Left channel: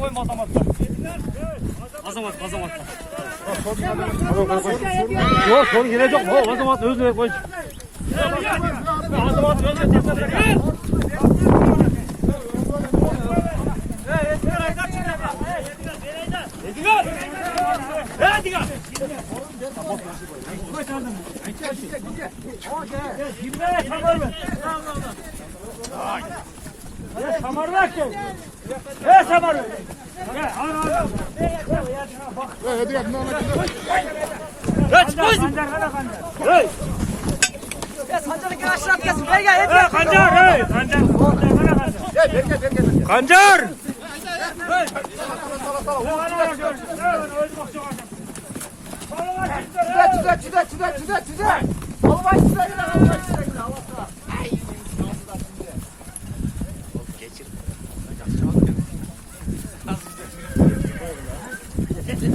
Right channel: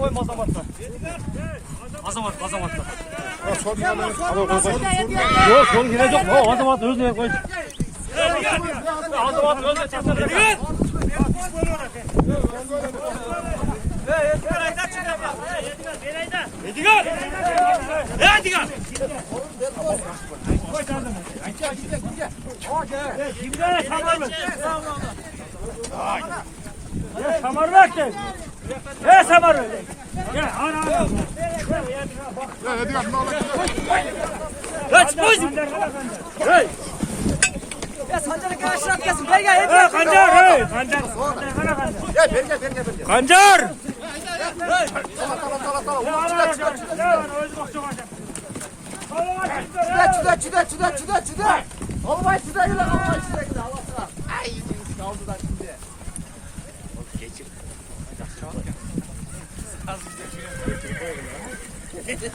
koyma azamatta. Azamatta. Yok sorun gelecek. O azamat özüne koy. Azamat özüne çektir. Kancar! Çıda! Olmay çıda gile, Ay, kaldıdan şimdi. Geçir.